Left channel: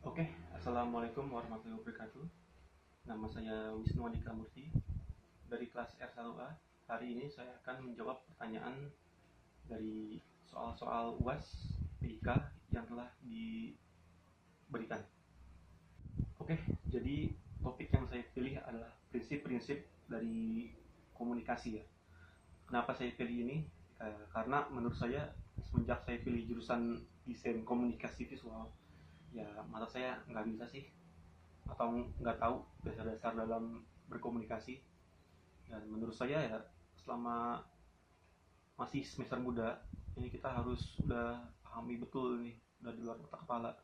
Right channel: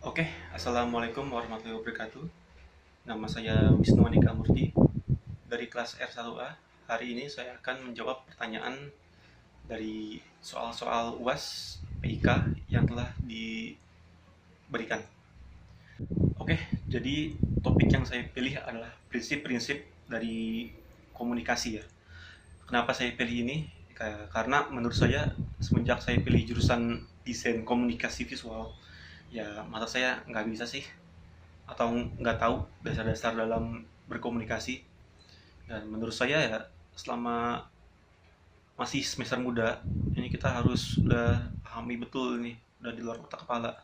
Oke, Assalamualaikum warahmatullahi wabarakatuh. Nama saya Wisnu Andika Murti dari kelas R1A. Hari ini saya akan menjawab pertanyaan dari soal-soal UAS PIK yang telah diberikan. Oke, jadi topik yang saya pilih adalah prinsip-prinsip dari komunikasi ya. Kenapa saya pilih ini? Karena menurut saya semenjak saya pilih jurusan desain komunikasi visual, ya mata saya nggak bisa sih atau nggak tahu dasar-dasar dalam berkomunikasi. Dan menurut saya ya, selama masih semester muda ini kita harus udah pahami betul ini, udah di luar otak kepala.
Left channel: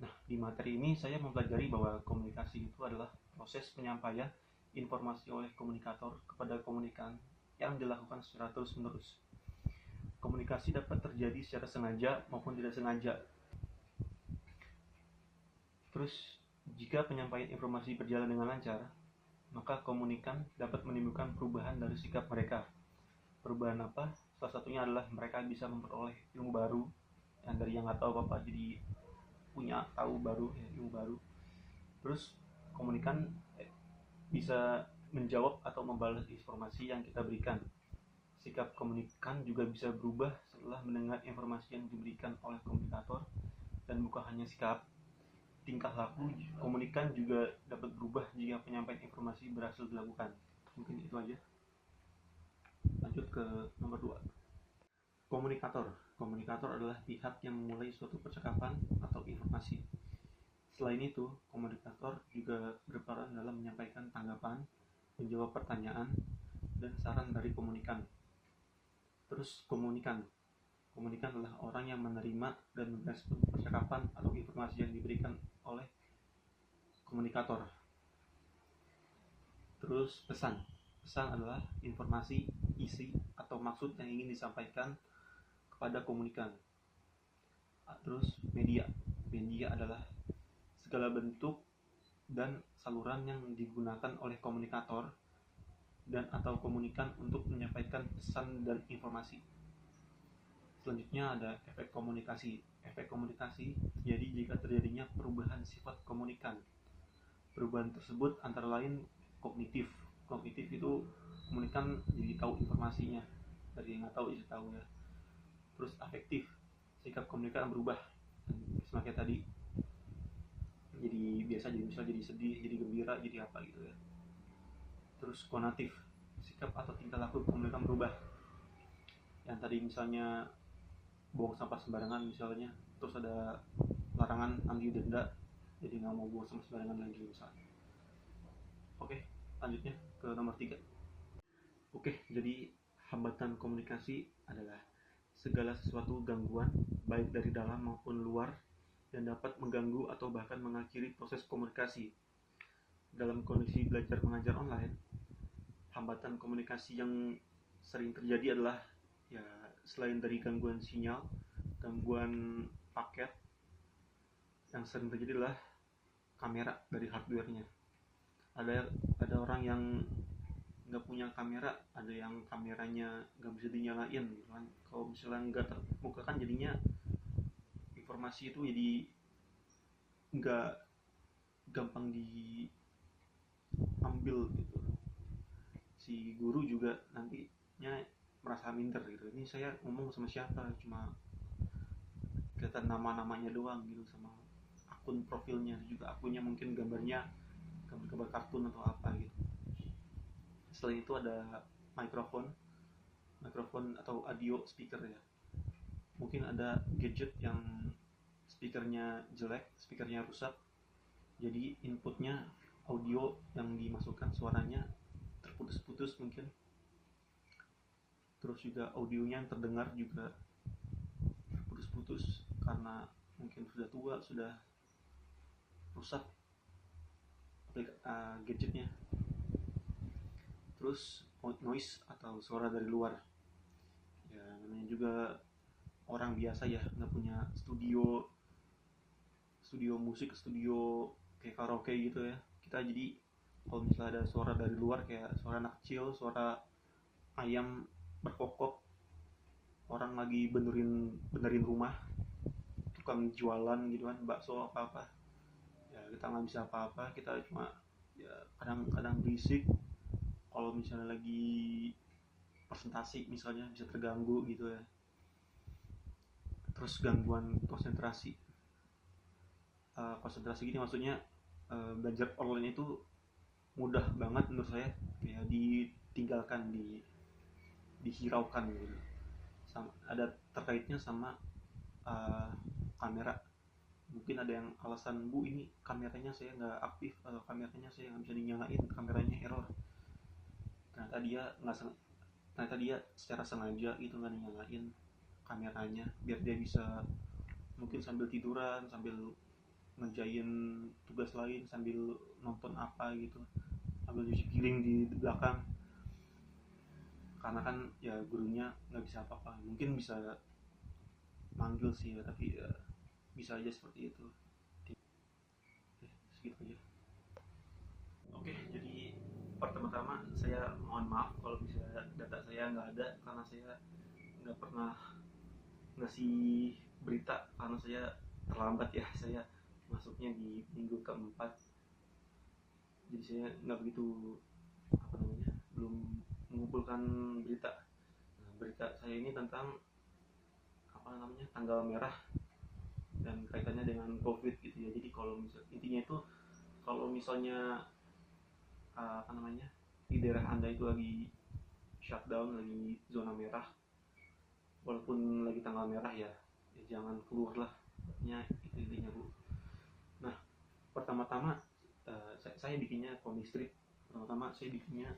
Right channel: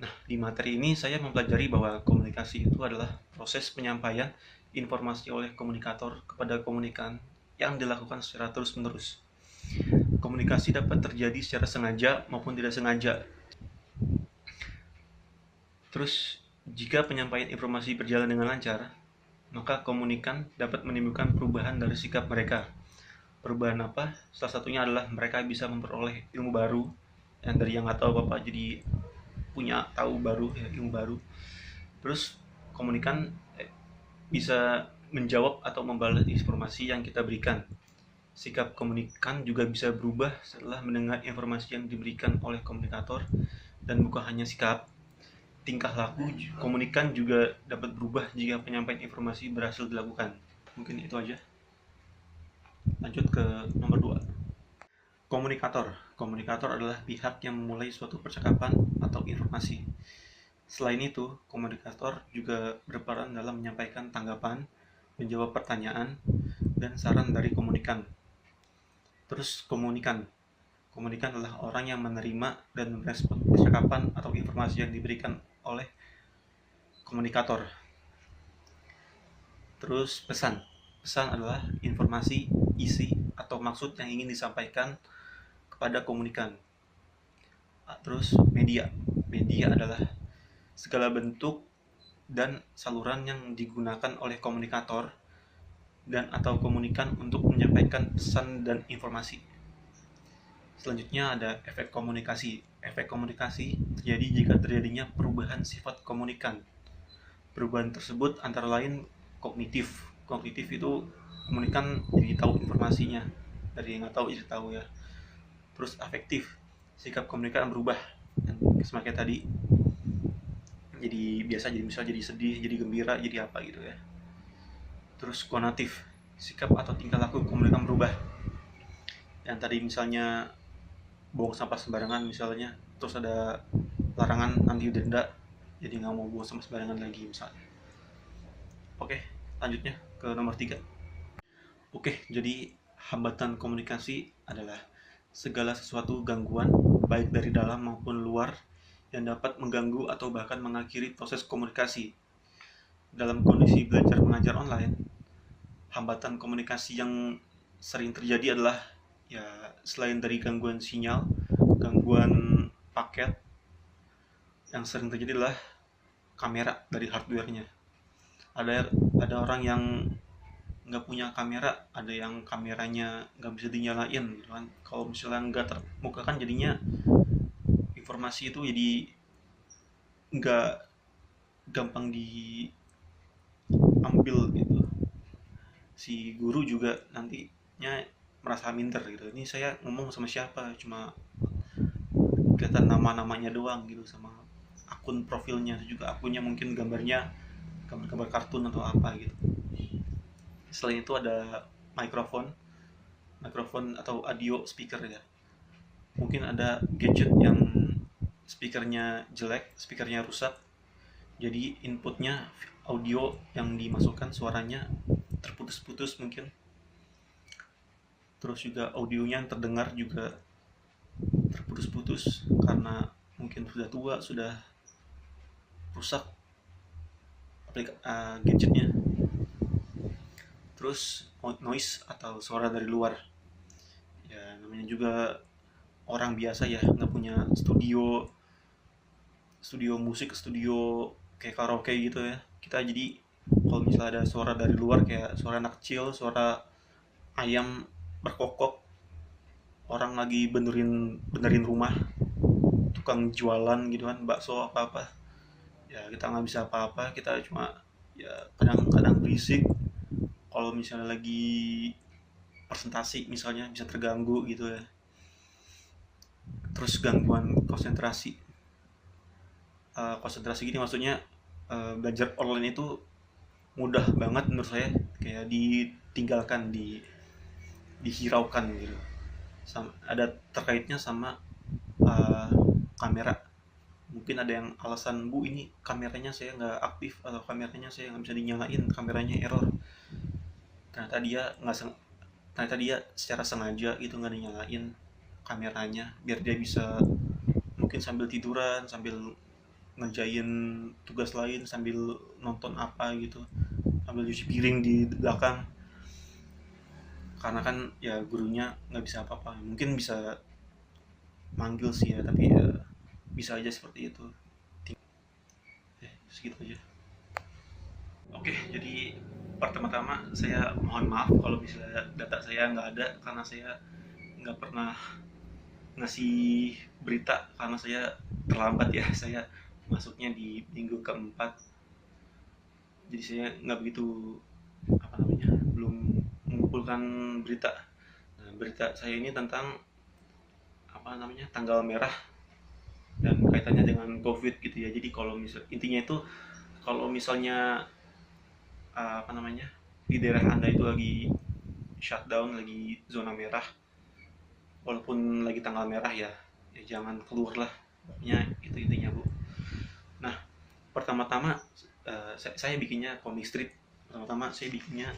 Nah, di materi ini saya mempelajari bahwa komunikasi itu adalah proses penyampaian informasi oleh komunikator kepada komunikan yang dilakukan secara terus-menerus. Komunikasi dapat terjadi secara sengaja maupun tidak sengaja. Terus, jika penyampaian informasi berjalan dengan lancar, maka komunikan dapat menimbulkan perubahan dari sikap mereka. Perubahan apa? Salah satunya adalah mereka bisa memperoleh ilmu baru, yang dari yang nggak tahu apa-apa jadi punya tahu baru, ya, ilmu baru. Terus komunikan bisa menjawab atau membalas informasi yang kita berikan. Sikap komunikan juga bisa berubah setelah mendengar informasi yang diberikan oleh komunikator, dan bukan hanya sikap, tingkah laku komunikan juga dapat berubah jika penyampaian informasi berhasil dilakukan. Mungkin itu aja. Lanjut ke nomor 2. Komunikator. Komunikator adalah pihak yang memulai suatu percakapan atau informasi. Selain itu, komunikator juga berperan dalam menyampaikan tanggapan, menjawab pertanyaan, dan saran dari komunikan. Terus komunikan. Komunikan adalah orang yang menerima dan merespon percakapan atau informasi yang diberikan oleh komunikator. Terus pesan. Pesan adalah informasi, isi, atau maksud yang ingin disampaikan kepada komunikan. Terus media. Media adalah segala bentuk dan saluran yang digunakan oleh komunikator dan atau komunikan untuk menyampaikan pesan dan informasi. Selanjutnya ada efek komunikasi. Efek komunikasi terjadi jika terjadinya perubahan sifat komunikan. Perubahan tersebut antara lain kognitif. Kognitif itu komunikan jadi tahu informasinya, dari yang nggak tahu jadi tahu ya. Terus afektif, sikap komunikan berubah, semakin tadi jadi biasa, jadi misal jadi sedih, jadi gembira, jadi apa gitu ya. Terus konatif, sikap atau tingkah laku komunikan berubah, yang tadi misalnya buang sampah sembarangan misalnya, terus ada larangan nanti denda, jadi nggak mau buang sampah sembarangan lagi misalnya. Oke, lanjutnya ke nomor 3. Oke, jadi hambatan komunikasi adalah segala sesuatu gangguan baik dari dalam maupun luar yang dapat mengganggu atau bahkan mengakhiri proses komunikasi. Dalam kondisi belajar mengajar online, hambatan komunikasi yang sering terjadi adalah ya, selain dari gangguan sinyal, gangguan paket, yang sering terjadi adalah kamera dari hardware-nya. Ada orang yang nggak punya kamera, ada yang kameranya nggak bisa dinyalain gitu kan. Kalau misalnya nggak terbuka kan jadinya informasi itu jadi nggak gampang diambil gitu. Si guru juga nantinya merasa minder gitu, ini saya ngomong sama siapa, cuma kelihatan nama-namanya doang gitu, sama akun profilnya juga, akunnya mungkin gambarnya gambar-gambar kartun atau apa gitu. Selain itu ada mikrofon atau audio speaker ya. Mungkin ada gadget yang speakernya jelek, speakernya rusak, jadi inputnya audio yang dimasukkan suaranya terputus-putus mungkin. Terus juga audionya yang terdengar juga terputus-putus karena mungkin sudah tua, sudah rusak gadgetnya. Terus noise atau suara dari luar, ya namanya juga orang biasa ya, nggak punya studio musik, studio kayak karaoke gitu ya. Kita jadi kalau misalnya ada suara dari luar kayak suara anak kecil, suara ayam berkokok, orang lagi benerin rumah, tukang jualan gitu kan, bakso apa-apa, ya kita nggak bisa apa-apa, kita cuma ya kadang-kadang berisik kalau misalnya lagi presentasi misalnya, bisa terganggu gitu ya. Terus gangguan konsentrasi. Konsentrasi gini maksudnya, belajar online itu mudah banget menurut saya, kayak ditinggalkan, dihiraukan gitu. Ada terkaitnya sama uh, kamera. Mungkin ada yang alasan, bu ini kameranya saya nggak aktif, atau kameranya saya nggak bisa dinyalain, kameranya error. Ternyata dia nggak ternyata dia secara sengaja gitu nggak dinyalain kameranya, biar dia bisa mungkin sambil tiduran, sambil ngerjain tugas lain, sambil nonton apa gitu, sambil cuci piring di belakang. Karena kan ya gurunya nggak bisa apa-apa, mungkin bisa manggil sih ya, tapi ya bisa aja seperti itu. Segitu aja. Oke, jadi pertama-tama saya mohon maaf kalau misalnya data saya nggak ada, karena saya nggak pernah ngasih berita, karena saya terlambat ya, saya masuknya di minggu keempat, jadi saya nggak begitu belum mengumpulkan berita. Nah, berita saya ini tentang tanggal merah dan kaitannya dengan COVID gitu ya. Jadi kalau intinya itu, kalau misalnya di daerah anda itu lagi shutdown, lagi zona merah, walaupun lagi tanggal merah ya, jangan keluar lah. Ya itu intinya, bu. Nah, pertama-tama saya bikinnya comic strip. Pertama-tama saya bikinnya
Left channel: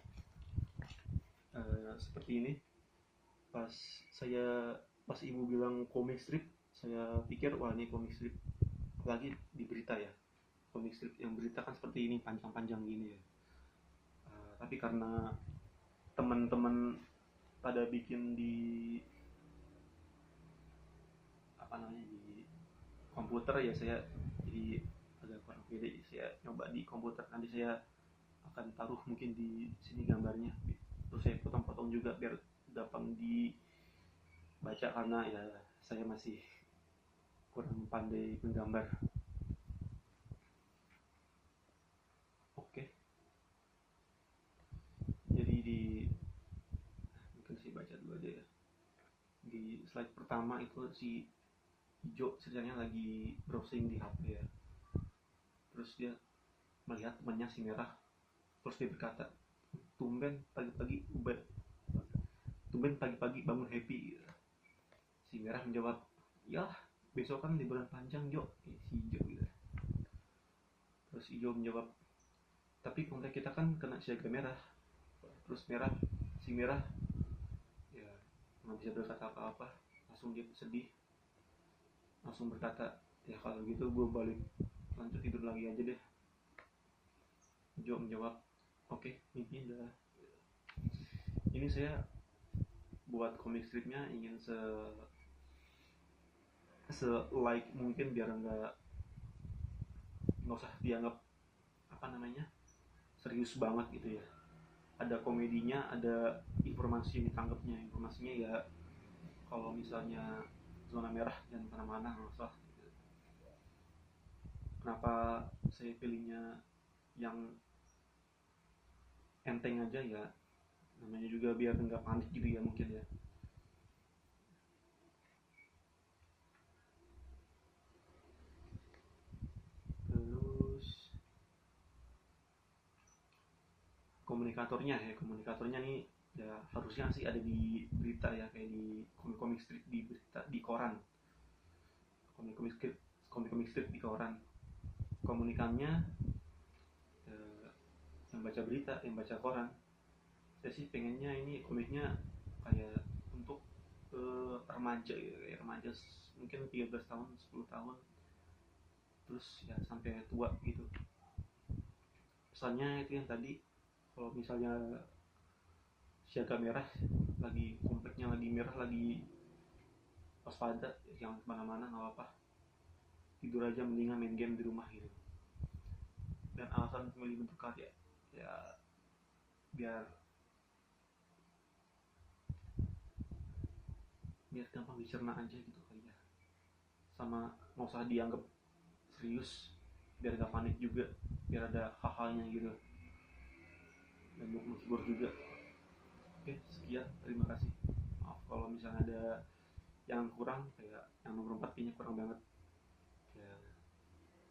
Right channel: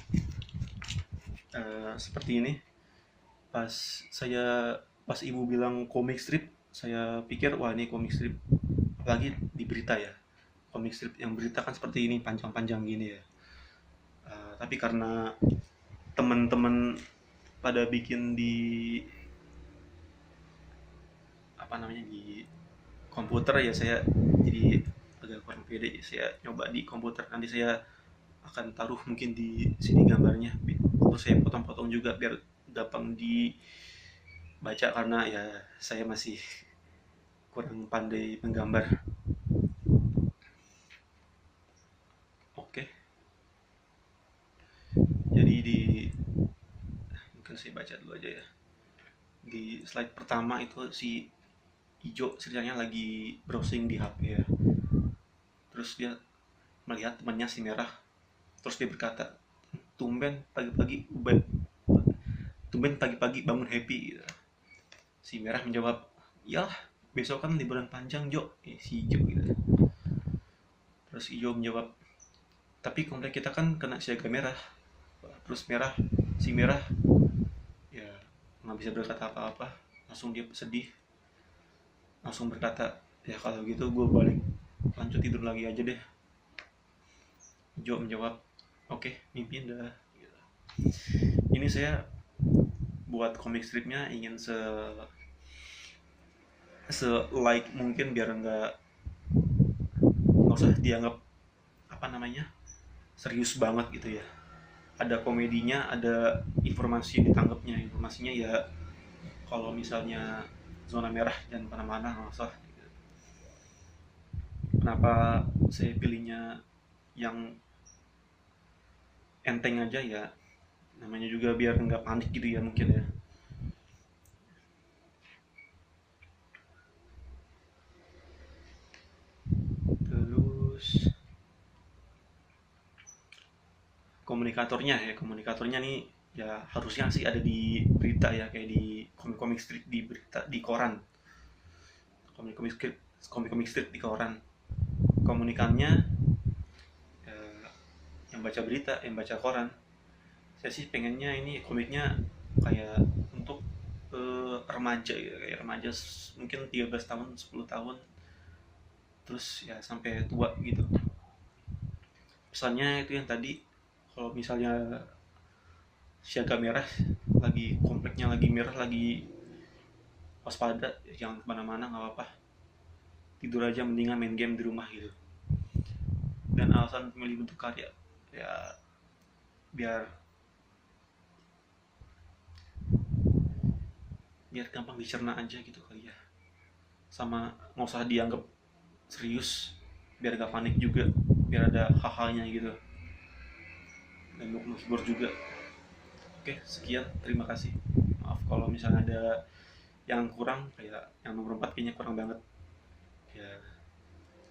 seperti ini. Pas pas ibu bilang comic strip, saya pikir wah ini comic strip lagi di berita ya. Comic strip yang berita kan seperti ini, panjang-panjang gini ya. Tapi karena teman-teman pada bikin di di komputer ya, saya jadi agak kurang pede. Saya nyoba di komputer, nanti saya akan taruh mungkin di sini gambarnya, terus saya potong-potong juga biar gampang dibaca, karena ya saya masih kurang pandai menggambar. Oke, jadi mungkin saya baca dulu aja ya. Di slide pertama itu si Ijo ceritanya lagi browsing di HP ya. Terus dia melihat temannya si Merah. Terus dia berkata, tumben pagi-pagi bangun happy gitu. Si Merah menjawab, iyalah besok kan liburan panjang Jo. Si Ijo gitu. Terus Ijo menjawab, tapi komplek kita kan kena siaga merah. Terus si Merah ya nggak bisa berkata apa-apa, langsung dia sedih, langsung berkata, ya kalau gitu gue balik lanjut tidur lagi aja deh. Jo menjawab, oke, mimpi indah. Ini saya buat komik stripnya ingin se like mungkin, biar nggak usah dianggap serius banget gitu ya. Ada komedinya, ada informasi yang ditangkapnya. Informasinya ya kalau misalnya zona merah dan mana-mana nggak usah. Kenapa saya pilihnya yang enteng aja ya, namanya juga biar nggak panik gitu ya mungkin ya. Terus komunikatornya nih ya harusnya sih ada di berita ya, kayak di komik strip di berita, di koran. Komik strip di koran. Komunikannya yang baca berita, yang baca koran. Saya sih pengennya ini komiknya kayak untuk remaja gitu, kayak remaja mungkin 13 tahun, 10 tahun, terus ya sampai tua gitu. Pesannya itu yang tadi, kalau misalnya siaga merah, lagi kompleknya lagi merah, lagi waspada, jangan kemana-mana, nggak apa-apa, tidur aja, mendingan main game di rumah gitu. Dan alasan memilih bentuk karya ya biar gampang dicerna aja gitu kali ya. sama nggak usah dianggap serius, biar gak panik juga, biar ada hal-halnya gitu, dan menghibur juga. Oke, sekian, terima kasih. Maaf kalau misalnya ada yang kurang, kayak yang nomor 4 kayaknya kurang banget ya.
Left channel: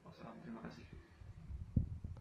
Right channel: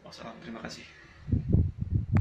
Wassalam, terima kasih.